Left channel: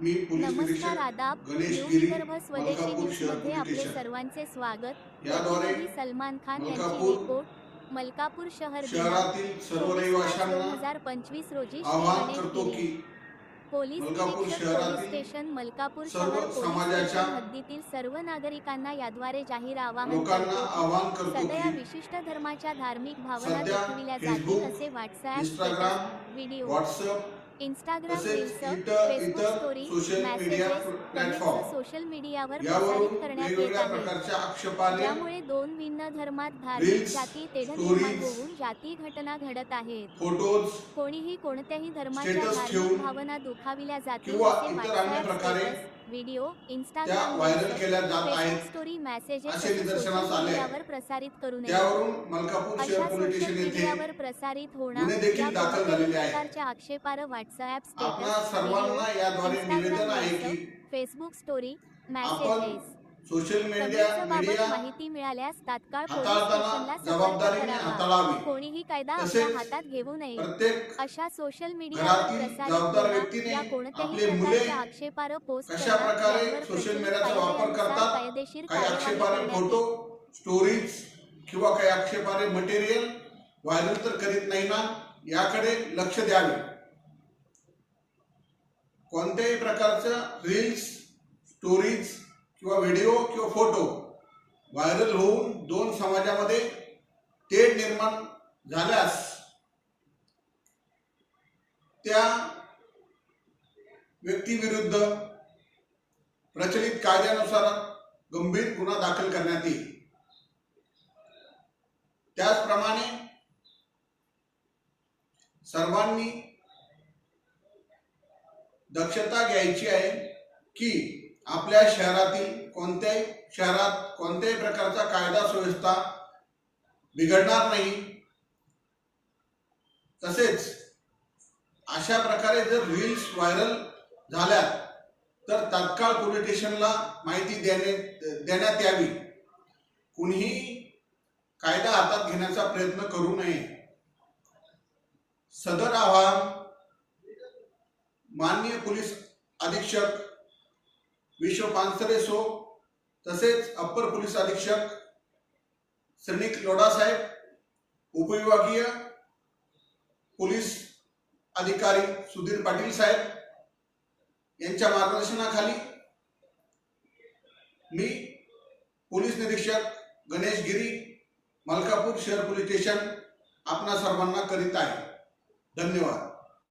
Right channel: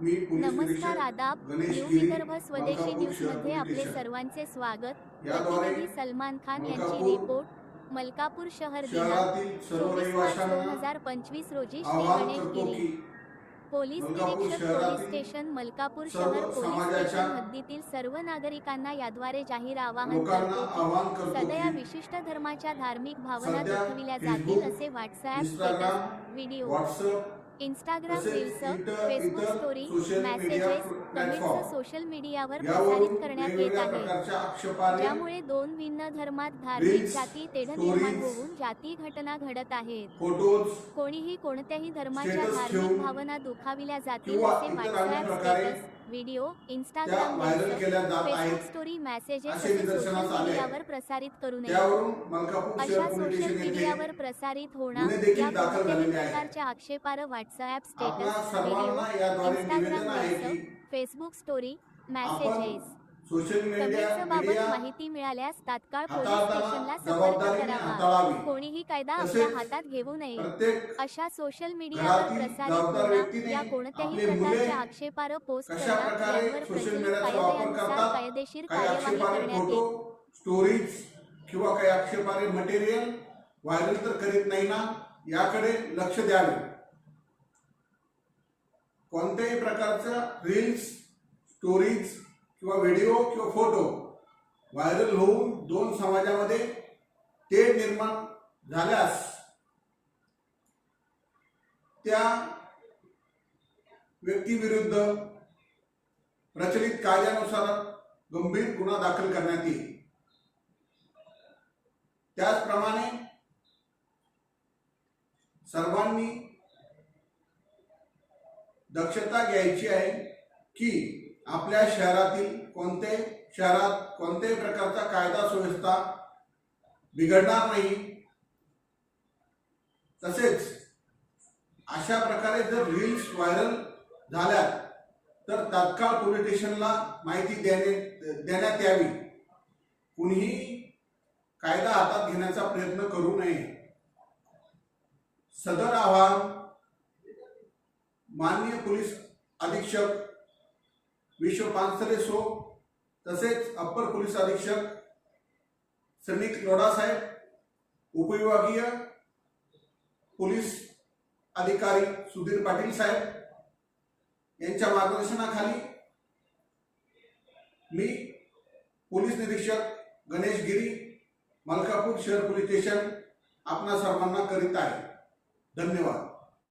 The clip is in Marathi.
नमस्कार आदाब. न्यू विदर्भ स्वदेशी न्यूजमध्ये आपले सर्वांचे स्वागत. प्रतिनिधी सलमान खान यांची रिपोर्ट मलकापूर शहर दिनांक दोन हजार पंचवीस रोजी श्री गणेश गिरी. पोलीस निरीक्षक पोलीस स्टेशन मलकापूर शहर पोलीस स्टेशन हद्दीतील सर्व नागरिकांना याद्वारे जाहीर आवाहन करतो सदया विशिष्ट धर्माच्या धार्मिक भावना दुखविल्या जातील असे WhatsApp status video. Instagram reels Facebook story messages comments social मीडियावर प्रसारित करण्यात येत आहे. ज्यामुळे दोन भिन्न धर्मात धार्मिक जाती तेढ निर्माण होऊन जाती घटना घडत आहेत. कोणीही कोणत्याही धर्माच्या धार्मिक भावना दुखाविल्या जातील असे प्रकारे status video Instagram Facebook story messages social. मीडियावर प्रसारित करू नये अशा सोशल मीडियावर प्रसारित होणार या कोणत्याही. प्रकारच्या आक्षेपार्ह व्हॉट्सॲप आपणा status video Instagram Facebook story messages social media माहिती मिळाल्यास तात्काळ पोलीस स्टेशनला संपर्क करावा. कोणीही कायदा आपल्या हातात घेऊ नये. अशा सोशल मीडियावर प्रसारित या कोणत्याही प्रकारच्या आक्षेपार्ह पोस्ट कशा करणार प्रकारे यांवर सोशल प्रचलित मीडियाचा वापर कायद्यानुसार करतात? कायदेशीर कार्यवाही करण्यात स्टोरीज किंवा काही आक्षेपार्ह मटेरियल व्हायरल तर करीत नाही ना? याकडे लक्ष द्यावे. कोणत्याही प्रकारचं रील्स स्टोरीज किंवा व्हिडिओ किंवा फोटो व्हायरल होऊन दोन समाजामध्ये तेढ निर्माण झाल्यास त्या व्यक्तीविरुद्ध प्रचलित कायद्यानुसार गंभीर गुन्हा दाखल करण्यात येईल. त्याचप्रमाणे सर्वांनी दक्षता घ्यायची आहे की आपल्या शहरातील कोणत्याही शहरात कोणत्याही प्रकारचा कायदा सुव्यवस्था बिघडणार नाही. तसेच अशा प्रकारे जर रील्स व्हायरल झाल्या तर तात्काळ पोलीस स्टेशनला माहिती देणे देण्यात यावी. कुणीही कायदा हातात घेण्याचा प्रयत्न करू नये. सदर आवाहन माननीय पोलीस अधीक्षक विश्व पानसरे सो तसेच अप्पर पोलीस अधीक्षक श्रीनिक लोढा साहेब उपविभागीय पोलीस अधिकारी सुधीर पाटील साहेब यांच्या मार्गदर्शनाखाली मी पोलीस निरीक्षक गणेश गिरी मलकापूर शहर पोलीस स्टेशन आपणा सर्वांना करीत आहे. धन्यवाद.